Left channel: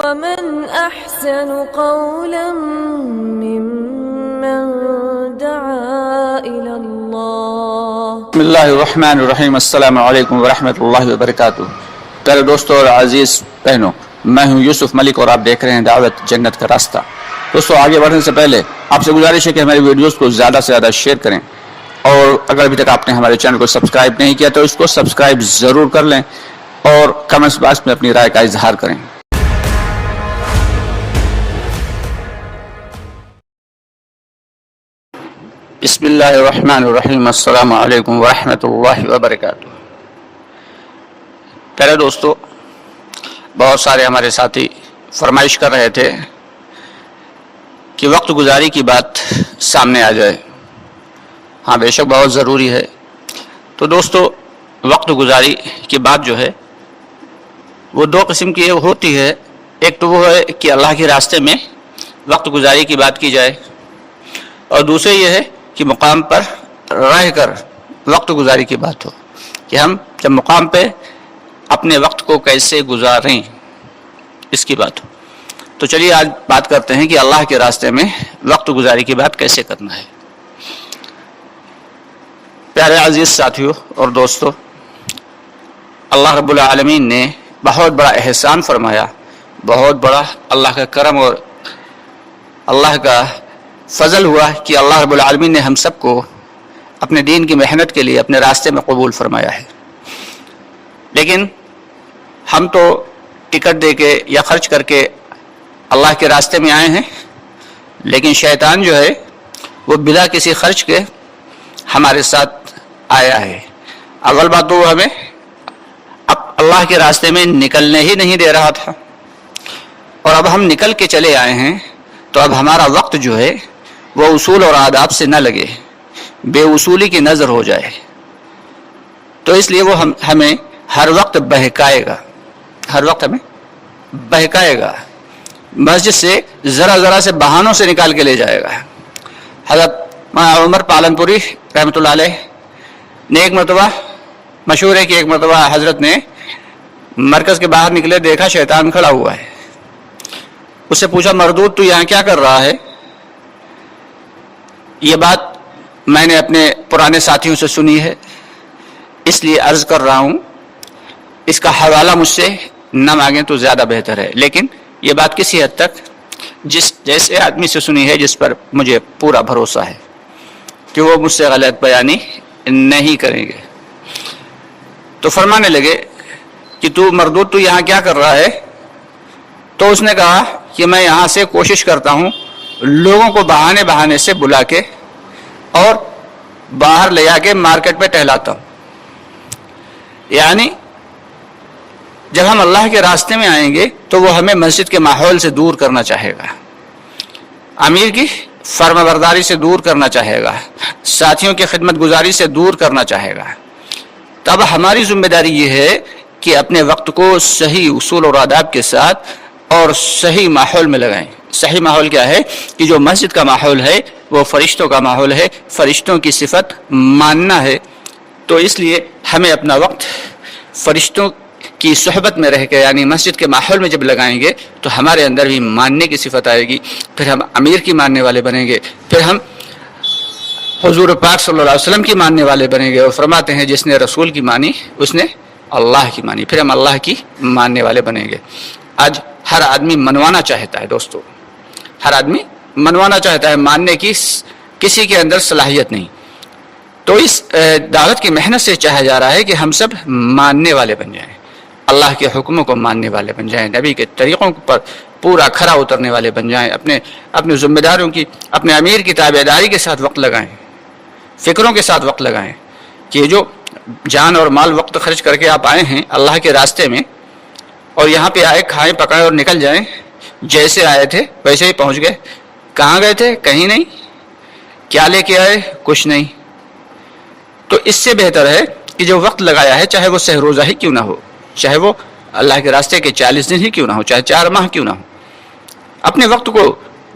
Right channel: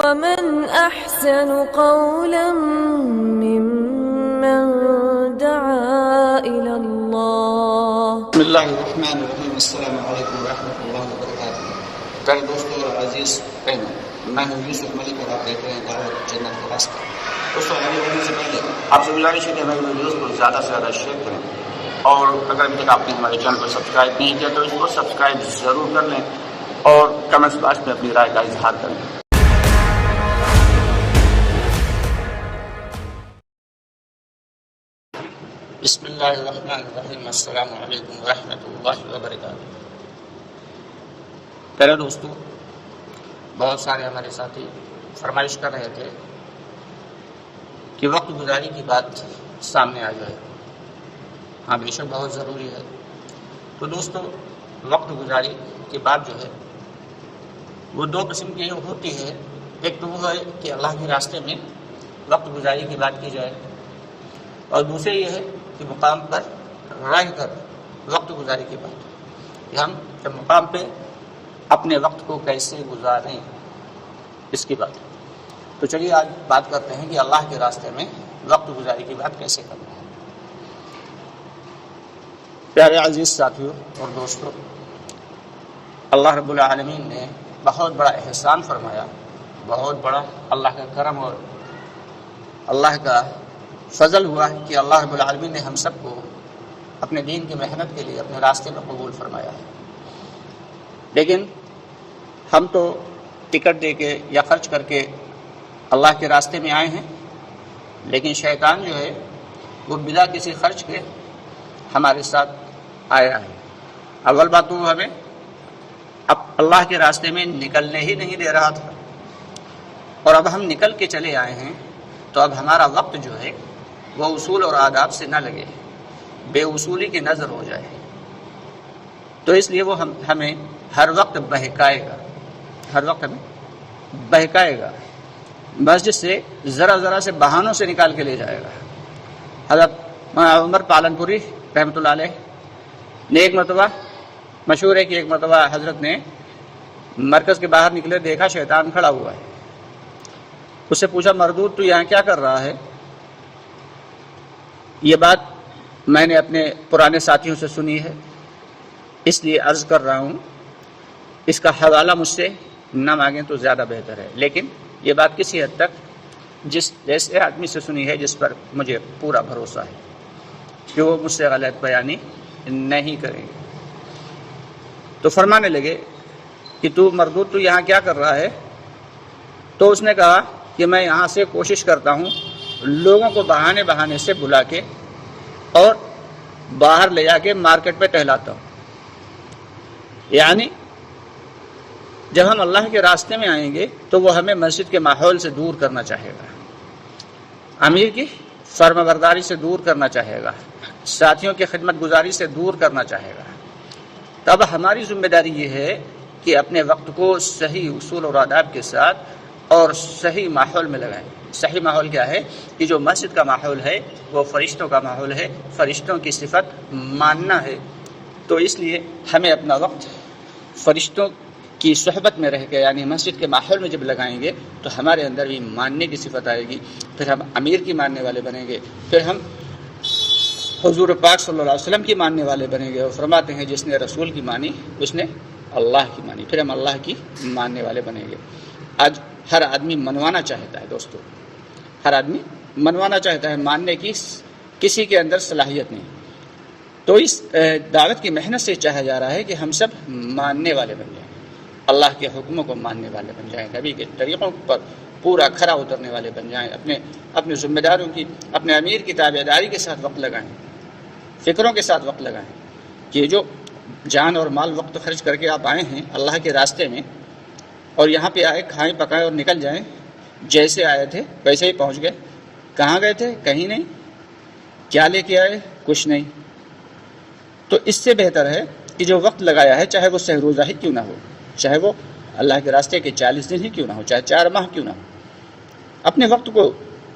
ومن أحسن قولا ممن دعا إلى الله. بسم اللہ الرحمن الرحیم. السلام علیکم ورحمۃ اللہ وبرکاتہ. پیارے دوستوں اور عزیز بہنوں، میں ہوں یوسف ملک اور آپ دیکھ رہے ہیں دعوت جنت کا راستہ. دوستوں، آگے بڑھنے سے پہلے آپ سے گزارش ہے کہ ہماری ویڈیوز کو زیادہ سے زیادہ شیئر کریں، اور اگر ابھی تک آپ نے ہمارے چینل کو سبسکرائب نہیں کیا تو اس کو سبسکرائب ضرور کر لیں اور کمنٹس باکس میں اپنی رائے کا اظہار کریں. بسم اللہ الرحمن الرحیم. السلام علیکم ورحمۃ اللہ وبرکاتہ. پہلے دوستو، بہت سارے ہمارے ساتھی فرمائش کر رہے تھے کہ وقت گزاری کی بات سامنے آ جائے. ہاں، بے شک بہت ضروری ہے. تو دوستو، وقت گزاری کی بات جو ہے وہ دو قسم کی ہوتی ہے. ایک تو وہ ہے کہ اللہ کے راستے میں وقت گزاری کی بات کی جائے، اور دوسرے یہ ہے کہ مقام پر رہ کر وقت گزاری کی بات ہو، کہ ہم جب مقام پہ اپنے وقت کو کیسے گزاریں، اس کی بات ہو. تو چلیے آج بات کرتے ہیں کہ اللہ کے راستے میں وقت گزاری کی بات کیسے کرنا ہے. پیارے عزیز ساتھیوں اور دوستو، اللہ رب العالمین نے بہت بڑا احسان فرمایا، بہت بڑا اللہ کا کرم اور اللہ کا فضل ہوا کہ اللہ رب العالمین نے ہم سب کو اپنے دین کی محنت کے لیے اپنے راستے میں قبول فرمایا ہے. لیکن ہم تو ٹکٹ دے کے یا خرچ کر کے اللہ کے راستے میں آئے ہیں، لیکن شیطان جو ہے وہ بلا کسی خرچ کے ہمارے ساتھ آیا ہے. اول بات تو وہ ہمیں اب اللہ کے راستے میں نکلنے ہی نہیں دے رہا تھا، اور اب ہم نکل کے چلے آئے ہیں تو اب ہمارا وقت جو ہے وہ اصول اور آداب سے نہ لگے، بے اصولی کی نظر ہو جائے. تو اس لیے وہ ہمیں ہر وقت بہکائے گا، ہر وقت ہمیں بہکائے گا، مسجد سے ذرا ذرا سے بہانوں سے نکال کے لے جائے گا. حضرت عمر پالنپوری رحمۃ اللہ علیہ نے ایک مرتبہ، مشہور ہے کہ ایک مرتبہ حضرت نے مرکز کے باہر نکلے، دیکھا شیطان کھڑا ہوا ہے. اس سے پوچھا، مردود تو یہاں کیا کر رہا ہے؟ یہ بات میں نے اپنے پرانے ساتھیوں سے سنی ہے، اس لیے عرض کر رہا ہوں، اس کا حوالہ مجھ سے نہ مانگیں تو زیادہ بہتر ہے. لیکن یہ بات کسی حد تک جیسے آدمی سے سنی ہے جس پر مجھے پورا بھروسہ ہے کہ وہ مجھ سے غلط بیانی نہیں کریں گے. تو فرمانے لگے کہ تو مردود تو یہاں کیا کر رہا ہے؟ تو اس نے کہا کہ میں یہاں سے کوشش کرتا ہوں لوگوں کو بہانے بہانے سے بلا کے اور باہر لے جا کے مارکیٹ پہ ٹہلاتا ہوں. یعنی جب ہم اللہ کے راستے میں آئیں گے تو وہ ہمیں مسجد کے ماحول سے دور کرنا چاہے گا، امیر کی فرما برداری سے دور کرنا چاہے گا، ساتھیوں کی خدمت گزاری سے دور کرنا چاہے گا. تب ہماری ذمہ داری یہ ہے کہ اپنے وقت کو صحیح اصول اور آداب کے ساتھ اور صحیح ماحول میں لگائیں. صحیح ماحول کیا ہے؟ کہ جو مسجد کا ماحول ہے وہ فرشتوں کا ماحول ہے، فرشتوں کی صفت ماننا ہے. تو اس لیے ہمیں اپنا وقت فرشتوں کی صحبت میں رہ کے، یعنی مسجد کے ماحول میں جب لگائیں گے تو ہمارے اندر بھی ماننے کی صفت آئے گی، پھر ہم امیر کی ماننے والے بنیں گے، پھر ہم حضور پاک صلی اللہ علیہ وسلم کی ماننے والے بنیں گے. اور فرماتے ہیں جس نے رسول کی مانی اس نے اللہ کی مانی، پھر ہم اللہ کی ماننے والے بنیں گے. آج ہر آدمی منوانا چاہتا ہے دوستو، ہر آدمی منوانا چاہتا ہے، ماننے کی کسی کے اندر صلاحیت نہیں. تو اس دعوت کی محنت سے چاہا جا رہا ہے کہ ہم سب ماننے والے بن جائیں، اللہ کے حکموں کو ماننے والے بن جائیں، نبی کے طریقوں پر پورا کھرا اترنے والے بن جائیں، اپنے ذمہ داروں کی، اپنے امیر کی تابعداری کے ساتھ وقت لگائیں، فکروں کے ساتھ وقت لگائیں. کہ جو جان اور مال وقت خرچ کر کے آپ آئے ہیں اللہ کے راستے میں، اور یہاں پہ آئے، کھائیں پکائیں اور نکل جائیں، جیسے آئے تھے ویسے ہی پہنچ گئے. کہاں گئے تھے؟ کہیں نہیں. کیا لے کے آئے؟ کچھ نہیں. تو اس سے بہتر ہے کہ جو وقت لگایا ہے، چاہے وہ سہ روزہ ہی کیوں نہ ہو، چاہے وہ اللہ کے راستے کے 40 دن ہی کیوں نہ ہو، چاہے 4 ماہ کیوں نہ ہو، اپنے وقت کو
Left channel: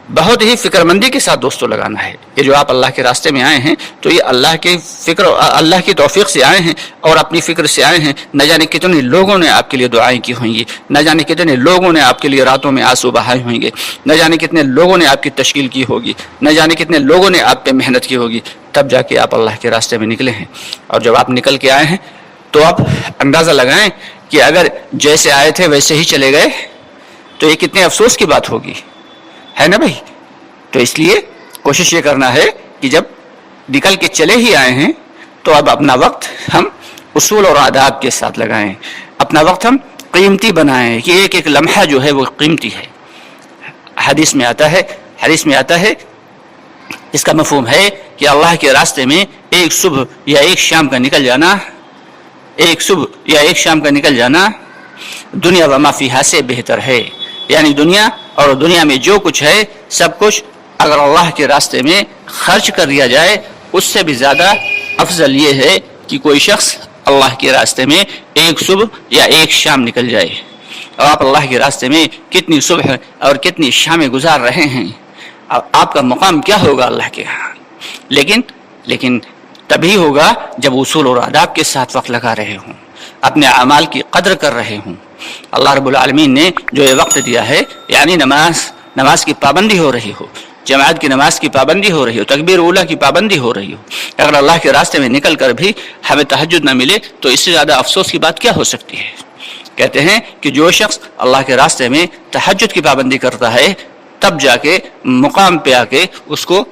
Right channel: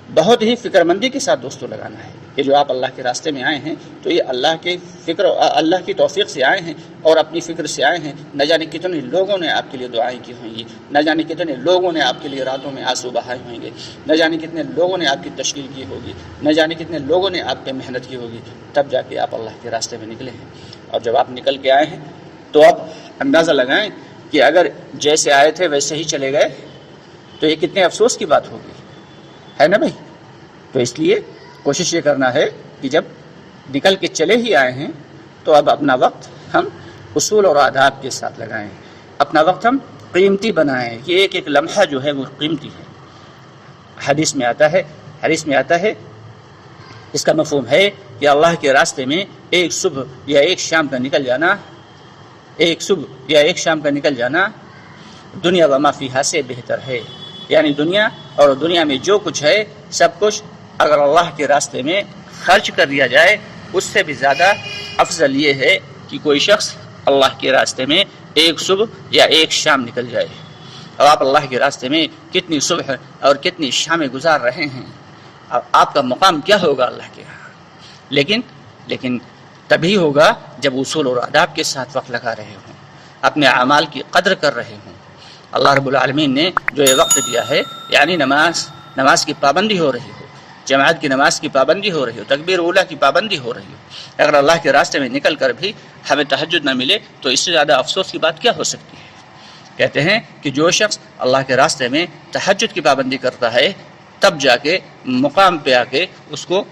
بہت ہی فکر مندی کے ساتھ دوستوں لگانا ہے. یہ جو آپ اللہ کے راستے میں آئے ہیں تو یہ اللہ کے فکر اللہ کی توفیق سے آئے ہیں اور اپنی فکر سے آئے ہیں. نہ جانے کتنے لوگوں نے آپ کے لیے دعائیں کی ہوں گی, نہ جانے کتنے لوگوں نے آپ کے لیے راتوں میں آنسو بہائے ہوں گے, نہ جانے کتنے لوگوں نے آپ کی تشکیل کی ہوگی, نہ جانے کتنے لوگوں نے آپ پہ محنت کی ہوگی, تب جا کے آپ اللہ کے راستے میں نکلے ہیں. اور جب آپ نکل کے آئے ہیں تو آپ اندازہ لگائیں کہ اگر جیسے آئے تھے ویسے ہی چلے گئے تو یہ کتنے افسوس کی بات ہوگی, ہے نا بھائی. تو اس لیے کوشش یہ کرنا ہے کہ جب نکل کے چلے ہی آئے ہیں تو اب اپنا وقت ہم اصول اور آداب کے ساتھ لگائیں, اپنا وقت ہم قیمتی بنائیں کہ ایک ایک لمحہ جو ہے وہ قیمتی ہے. حدیث میں آتا ہے اس کا مفہوم ہے کہ اللہ کے راستے میں ایک صبح یا ایک شام کا نکل جانا دنیا و ما فیہا سے بہتر ہے. یعنی دنیا اور دنیا میں جو کچھ ہے سب کچھ اگر اللہ کے راستے میں خرچ کر دیا جائے اس سے بھی زیادہ افضل یہ ہے کہ کوئی شخص اللہ کے راستے میں ایک صبح یا ایک شام نکل جائے. اور آپ اللہ کے راستے میں کتنی صبح اور کتنی شامیں گزار رہے ہیں, آپ کا مقام کیا ہوگا اللہ کے ہاں. لیکن تبھی ہوگا جب اصول اور آداب کے ساتھ وقت لگا رہے ہوں, اپنے اعمال کی قدر کر رہے ہوں. اللہ رب العالمین نے جو یہ وقت دیا ہے, یعنی نماز کی پابندی ہو رہی ہو, جماعت کی نماز کی پابندی ہو رہی ہو, تکبیر اولیٰ کی پابندی ہو رہی ہو, اگر اللہ کے راستے میں نکل کر بھی ہمیں تہجد نہ ملے تو اس سے زیادہ افسوس کی بات کیا ہو سکتی ہے. کہتے ہیں کہ جو شخص اللہ کے راستے میں تہجد کی پابندی کرتا ہے تب جا کے مقام پہ آ کے اس کو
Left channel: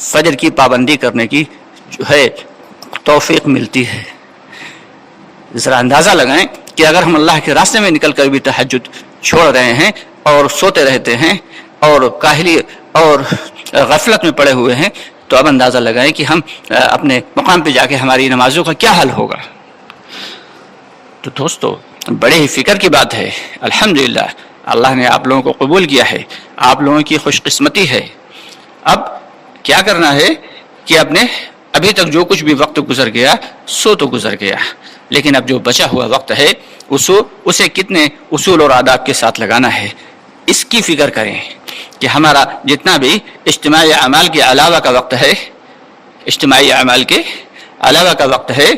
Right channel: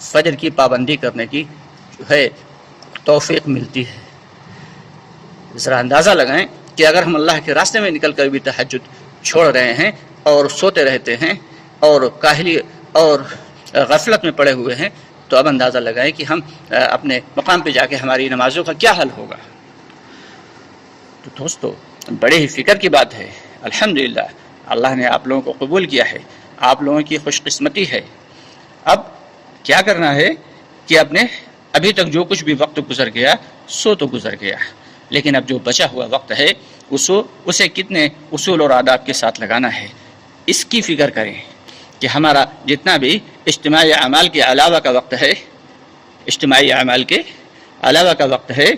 فجر کی پابندی کرنے کی جو ہے توفیق ملتی ہے. ذرا اندازہ لگائیں کہ اگر ہم اللہ کے راستے میں نکل کر بھی تہجد چھوڑ رہے ہیں اور سوتے رہتے ہیں اور کاہلی اور غفلت میں پڑے ہوئے ہیں تو اب اندازہ لگائیں کہ ہم اپنے مقام پہ جا کے ہماری نمازوں کا کیا حل ہوگا. تو دوستو بڑے ہی فکر کی بات ہے. الحمدللہ اللہ نے آپ لوگوں کو قبول کیا ہے, آپ لوگوں کی خوش قسمتی ہے. اب کیا کرنا ہے کہ ابھی تک جو کچھ بھی وقت گزر گیا سو تو گزر گیا, لیکن اب جو بچا ہوا وقت ہے اسے کتنے اصول اور آداب کے ساتھ لگانا ہے اس کی فکر کریں کہ ہمارا جتنا بھی اجتماعی اعمال کے علاوہ کا وقت ہے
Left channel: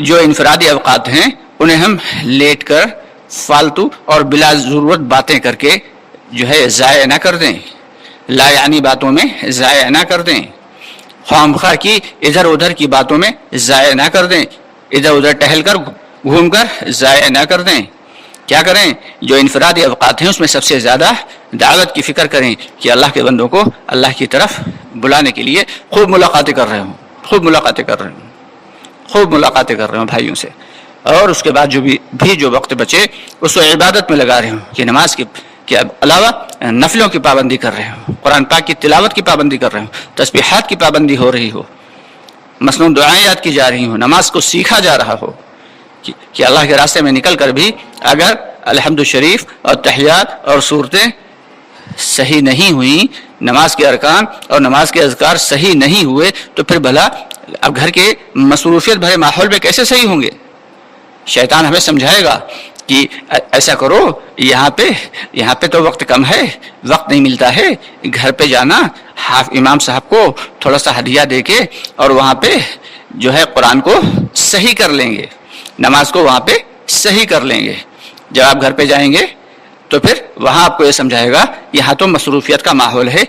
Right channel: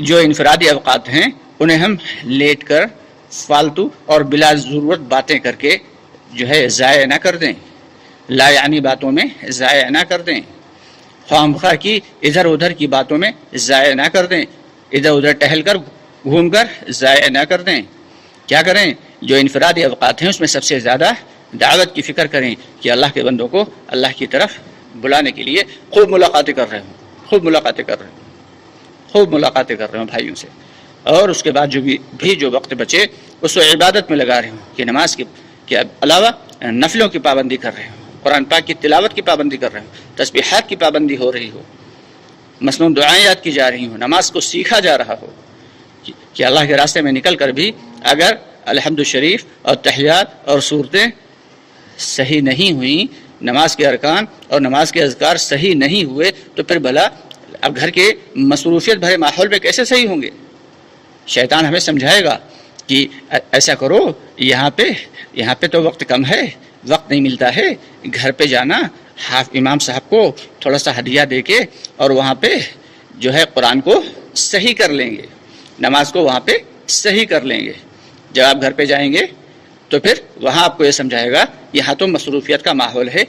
جو انفرادی اوقات ہیں انہیں ہم لیٹ کر فالتو اور بلا ضرورت باتیں کر کے جو ہے ضائع نہ کر دیں, لا یعنی باتوں میں ضائع نہ کر دیں, خواہ کی ادھر ادھر کی باتوں میں ضائع نہ کر دیں, ادھر ادھر ٹہل کر گھوم کر ضائع نہ کر دیں. کیا کریں, جو انفرادی اوقات ہیں اس میں سب سے زیادہ دعوت کی فکر کریں کہ اللہ کے بندوں کو اللہ کی طرف بلانے کے لیے خوب ملاقاتیں کر رہے ہوں بھائیوں سے, اور اس کے بعد جو وقت بچے اس کو عبادت میں لگا رہے ہوں کہ نماز کے علاوہ نفلوں کی پابندی کر رہے ہوں, قرآن پاک کی تلاوت کی پابندی کر رہے ہوں, تسبیحات کی پابندی ہو رہی ہو, مسنون دعائیں یاد کی جا رہی ہوں, نماز کو سیکھا جا رہا ہو کہ اللہ کے راستے میں نکل کر بھی اگر الحمد شریف اور تحیات اور صورتیں صحیح نہیں ہوئیں, نماز کے ارکان اور نماز کے اذکار صحیح نہیں ہوئے تو پھر بھلا اب گھر کے مصروفیت بھرے ماحول میں کیسے صحیح ہوں گے. شیطان ہمیں سمجھائے گا کہ ایسا کرو, یہاں پہ تو وقت کم ہے, وقت نہیں ملتا ہے, گھر پہ جانا, امام صاحب کو تھوڑا سا ہدیہ دے کے اور وہاں پہ جو ہے قرآن کو صحیح کر لیں گے, نماز کو وہاں پہ صحیح کر لیں گے. جب آپ گھر پہ جائیں گے تو پھر وہاں آپ کو یہ سمجھائے گا یہاں تو مصروفیت کا ماحول ہے,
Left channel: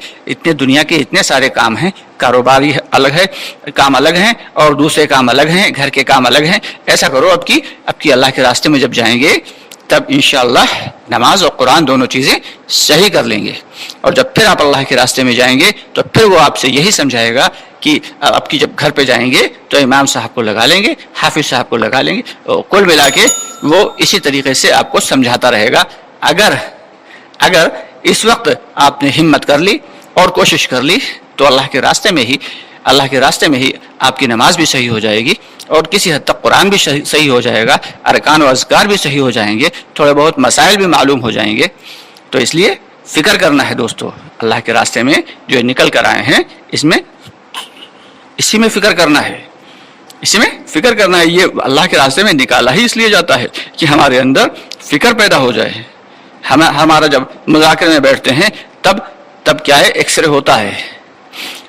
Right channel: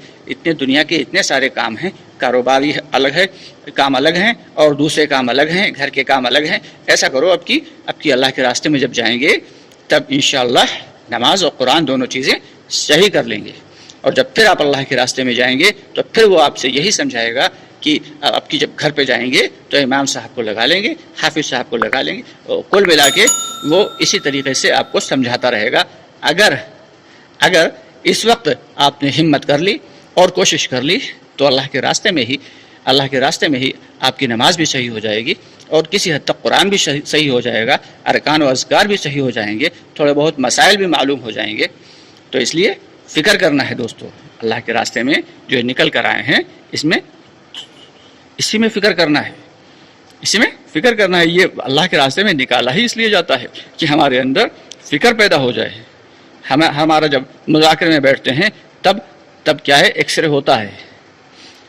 دنیا کے اتنے سارے کام ہیں, کاروباری کام الگ ہیں اور دوسرے کام الگ ہیں, گھر کے کام الگ ہیں. ایسا کرو اب کی اللہ کے راستے میں جب جائیں گے تب انشاءاللہ نماز اور قرآن دونوں چیزیں صحیح کر لیں گے. اور جب پھر آپ اللہ کے راستے میں جائیں گے تو پھر وہ آپ سے یہی سمجھائے گا کہ اب کی جب گھر پہ جائیں گے تو امام صاحب کو لگا لیں گے, حافظ صاحب کو لگا لیں گے, کل ملا کے وہ اسی طریقے سے آپ کو سمجھاتا رہے گا. اگر اس وقت آپ نے ہمت کر لی اور کوشش کر لی تو اللہ کے راستے میں ہی آپ کی نماز بھی صحیح ہو جائے گی اور کسی حد تک قرآن بھی صحیح ہو جائے گا, ارکان و اذکار بھی صحیح ہو جائیں گے, تھوڑے بہت مسائل بھی معلوم ہو جائیں گے. تو اس لیے فکر کرنا ہے دوستو, اللہ کے راستے میں جو نکل کر آئے ہیں اسی میں فکر کرنا ہے, یہ اللہ کے راستے میں نکالا ہی اس لیے جاتا ہے کہ ہمارے اندر فکر پیدا ہو جائے, ہمارا جب مذاکرے میں بیٹھتے ہیں تب کیا ہے، ایکس رے ہوتا ہے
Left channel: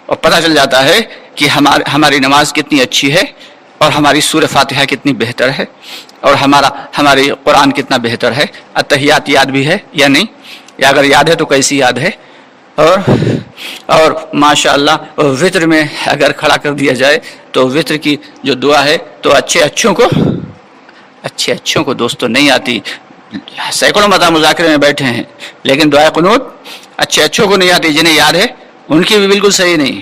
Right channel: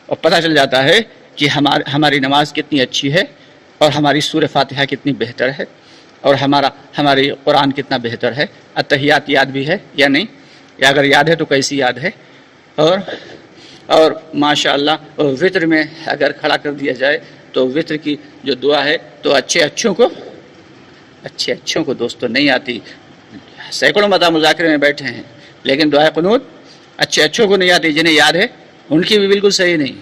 اور پتہ چل جاتا ہے کہ ہماری نماز کتنی اچھی ہے اور ہماری سورہ فاتحہ کتنی بہتر ہے اور ہماری قرآن کتنا بہتر ہے، اتحیات یاد بھی ہے یا نہیں، یا اگر یاد ہے تو کیسی یاد ہے، اور ماشاءاللہ وطر میں اگر کھڑا کر دیا جائے تو وطر کی جو دعا ہے تو اچھے اچھوں کو دوستوں نہیں آتی. سینکڑوں مرتبہ مذاکرے میں بیٹھے ہیں لیکن دعائے قنوت اچھوں کو نہیں آتی، جنہیں یاد ہے ان کی بھی بالکل صحیح نہیں.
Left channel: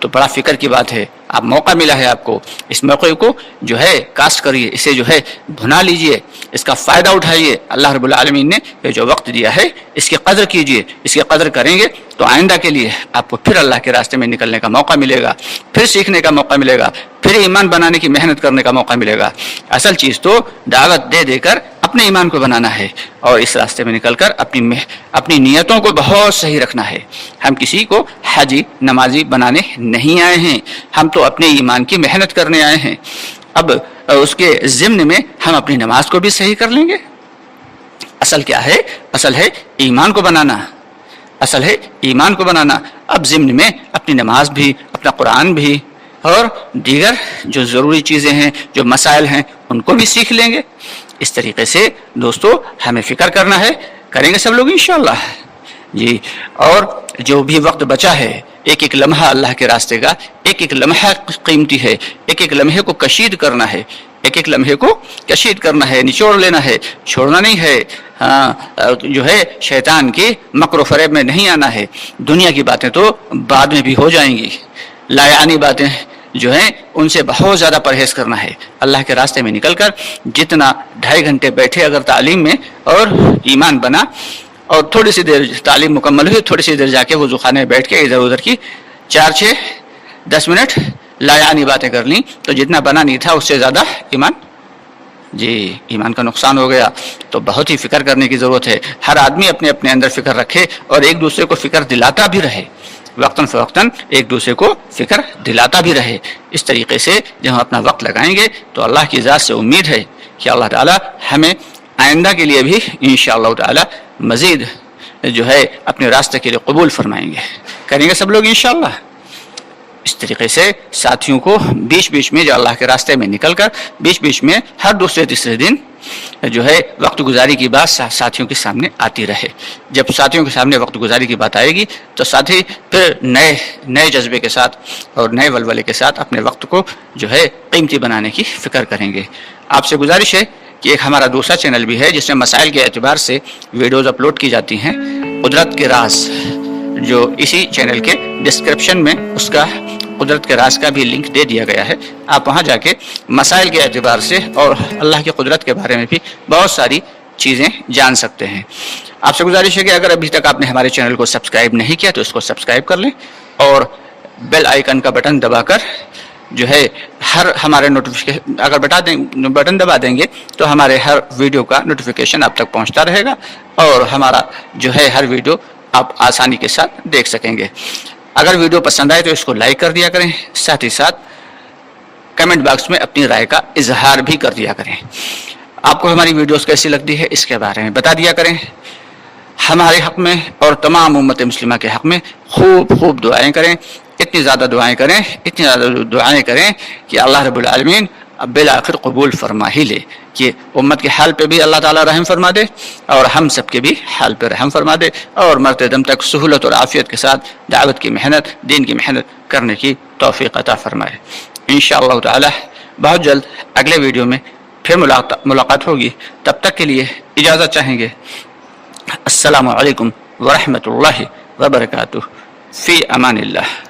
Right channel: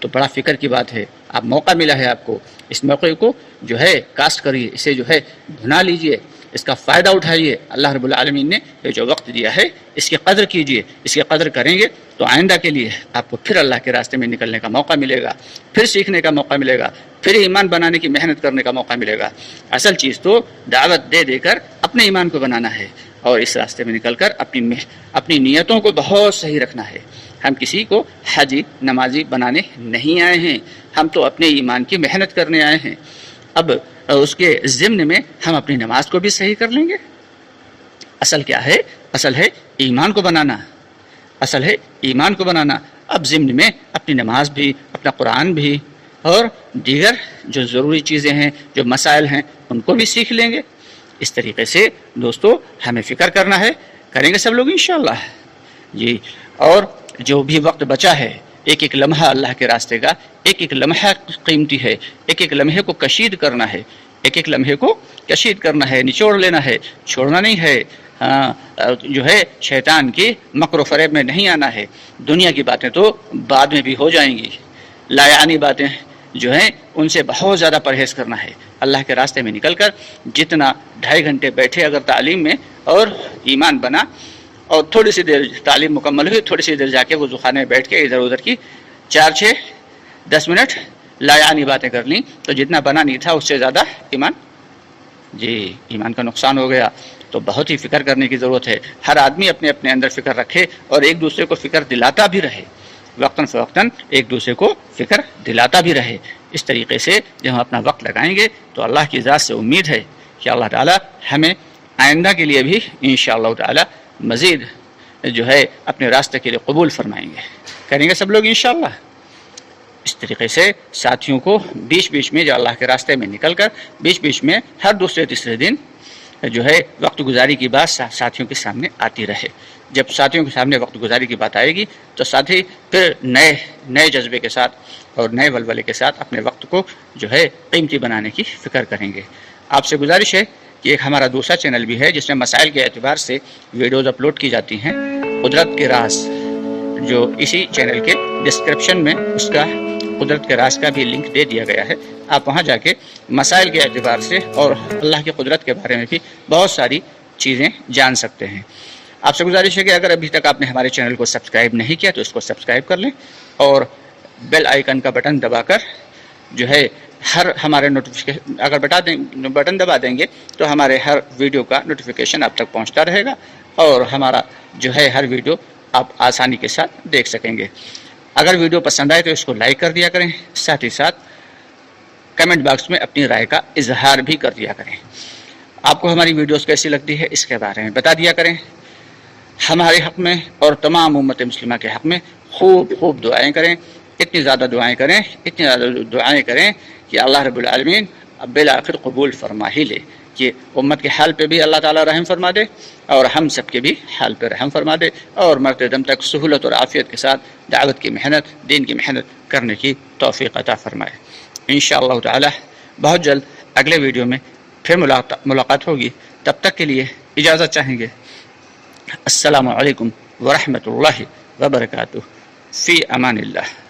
تو بڑا فکر کی بات ہے، آپ موقع ملا ہے آپ کو، اس موقع کو جو ہے کاسٹ کریے، اسے جو ہے بھنا لیجئے، اس کا فائدہ اٹھائیے. اللہ رب العالمین نے یہ جو وقت دیا ہے اس کی قدر کیجئے. اس کی قدر کریں گے تو آئندہ کے لیے آپ کو پھر اللہ کے راستے میں نکلنے کا موقع ملے گا، پھر سیکھنے کا موقع ملے گا، پھر ایمان بنانے کی محنت کرنے کا موقع ملے گا. اصل چیز تو دعوت دے کر اپنے ایمان کو بنانا ہے اور اس راستے میں نکل کر اپنی نیتوں کو بہت صحیح رکھنا ہے. ہم کسی کو حاجی نمازی بنانے نہیں آئے ہیں، ہم تو اپنے ایمان کی محنت کرنے آئے ہیں. اب اس کے ضمن میں ہم اپنی نماز کو بھی صحیح کر لیں گے. اصل کیا ہے؟ اصل ہے ایمان کو بنانا، اصل ہے ایمان کو بنانا. اب ضمن میں اپنی نماز بھی، اپنا قرآن بھی اور دیگر جو ضروری چیزیں ہیں، جو مسائل ہیں، ان کو بھی سیکھ لیں گے. اس طریقے سے دوستو ہمیں فکر کرنا ہے، کریں گے سب لوگ انشاءاللہ جی. اور جو بھی وقت بچا ہے، ایک لمحہ اللہ کے راستے کا ایک لمحہ قیمتی ہے. ایک لمحے کو کشید کرنا ہے، ایک لمحے کو کشید کرنا ہے، نچوڑ لینا ہے، چھوڑنا نہیں ہے. جو ہے شیطان کی مکر و فریب میں نہیں آنا ہے. دنیا کی باتیں تو بعد میں بھی ہو جائیں گی، لایعانی باتیں جو ہیں ان سے بہت زیادہ پرہیز کرنا ہے. اللہ کے راستے میں نکل کر جتنا 2.5 گھنٹے بیٹھے اگر تعلیم میں اور ایمان بنا، اور تھوڑی سی دیر تعلیم مکمل ہوئی، تھوڑی سی دیر جا کے وضو خانے میں بیٹھ کے ادھر ادھر کی 4-6-10 منٹ لایعانی باتیں کر لیں تو جتنا بنا نہیں تھا اس سے زیادہ ایمان کا نقصان ہو گیا. تو بہت ہی فکر کرنے کی ضرورت ہے. ہر آدمی اپنے اپنے اندر فکر رکھے اور ایک دوسرے کو فکر دلاتا بھی رہے، وقتاً فوقتاً ایک دوسرے کو فکر دلاتا بھی رہے. اس طریقے سے جب ہم اپنا وقت لگائیں گے تو اللہ کی ذات سے امید ہے کہ اللہ تعالی ہمیں آئندہ کے لیے بھی انشاءاللہ تعالی مزید جو ہے اپنے راستے کے لیے قبول فرمائیں گے. کریں گے سب لوگ انشاءاللہ. اس طریقے سے ساتھیوں کو بیچ میں جو اللہ کے راستے میں نکل کر بیچ میں ہر دوسرے تیسرے دن جو ہے وقت گزاری کی بات ساتھیوں کے سامنے آتی رہے. جب ساتھیوں کے سامنے وقت گزاری کی بات آئے گی تو ساتھی پھر نئے جذبے کے ساتھ اور نئے ولولے کے ساتھ اپنے وقت کو جو ہے قیمتی بنانے کی فکر کریں گے. آپ سے گزارش ہے کہ ایک ہمارا دوسرا چینل بھی ہے جس میں مسائل کے اعتبار سے ویڈیوز اپلوڈ کی جاتی ہیں، قدرت کے راز، جو اسی چینل کے ڈسکرپشن میں اس کا قدرت کے راز کا بھی لنک دے دیا گیا ہے. آپ وہاں جا کے مسائل کے اعتبار سے اور اللہ کی قدرت کے بارے میں بھی بہت ساری چیزیں جان سکتے ہیں. آپ سے گزارش ہے کہ اگر ابھی تک آپ نے ہمارے چینل کو سبسکرائب نہیں کیا تو اس کو سبسکرائب کر لیں اور بیل آئیکن کا بٹن دبا کر جو ہے ہر ہمارے نوٹیفیکیشن اگر بٹن دبا دیں گے تو ہمارے ہر ویڈیو کا نوٹیفیکیشن آپ تک پہنچتا رہے گا اور ہمارا جو ہے ہر ویڈیو آپ آسانی کے ساتھ دیکھ سکیں گے. اگر ویڈیو پسند آئے تو اس کو لائک کر دیا کریں، ساتھ ہی ساتھ کمنٹ باکس میں اپنی رائے کا اظہار بھی کر دیا کریں. آپ کو ہماری ویڈیوز کیسی لگتی ہے اس کے بارے میں بتا دیا کریں. ہمارے حق میں اور تمام امت مسلمہ کے حق میں خوب دعائیں کریں. اتنی زیادہ دعائیں کریں کہ اللہ رب العالمین اب بالآخر قبول فرما ہی لے، کہ امت کے حال پہ بھی اللہ تعالیٰ رحم فرما دے اور ہم سب کے بھی حال پہ رحم فرما دے اور مرتے دم تک سہولت اور عافیت کے ساتھ دعوت کی محنت، دین کی محنت کرنے کی توفیق عطا فرمائے. انشاءاللہ تعالی بہت جلد اگلے ویڈیو میں پھر ملاقات ہوگی. تب تک کے لیے اجازت چاہیں گے. السلام علیکم ورحمۃ اللہ وبرکاتہ. فی امان اللہ.